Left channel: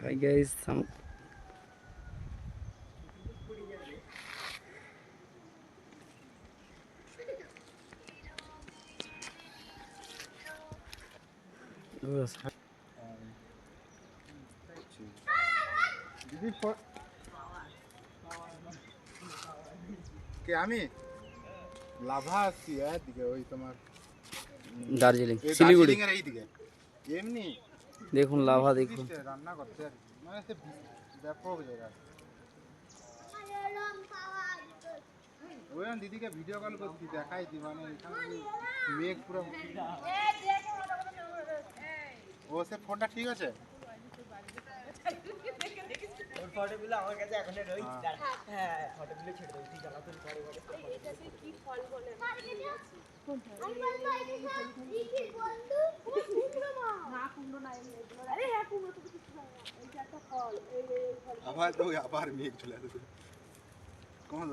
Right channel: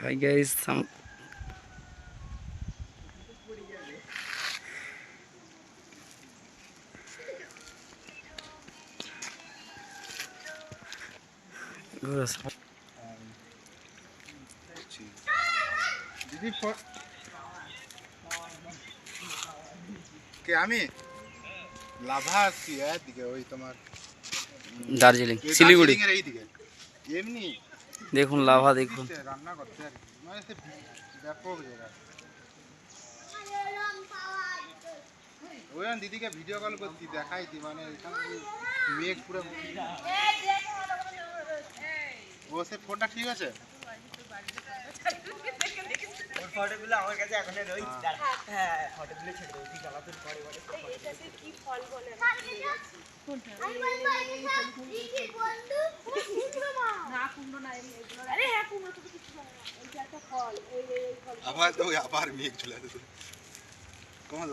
Hi guys দিদি ফ- কে আমি লাভা আসছি একদিকে ওই তোমার দার্জিলিং এই শিলিগুড়ি দার্জিলিংয়ের এইদিকে এমনি দেখুন লাভা দেখুন। রান্না করতে আর। মানে ব্যাপক জায়গা দিদিকে ভিডিও কল করছি দেখাইছি মানে এখানে মেঘ পুরো ও সে ফোনটা ঠিক আছে? আবার তো আবার মেঘ চলে আসছে। কোন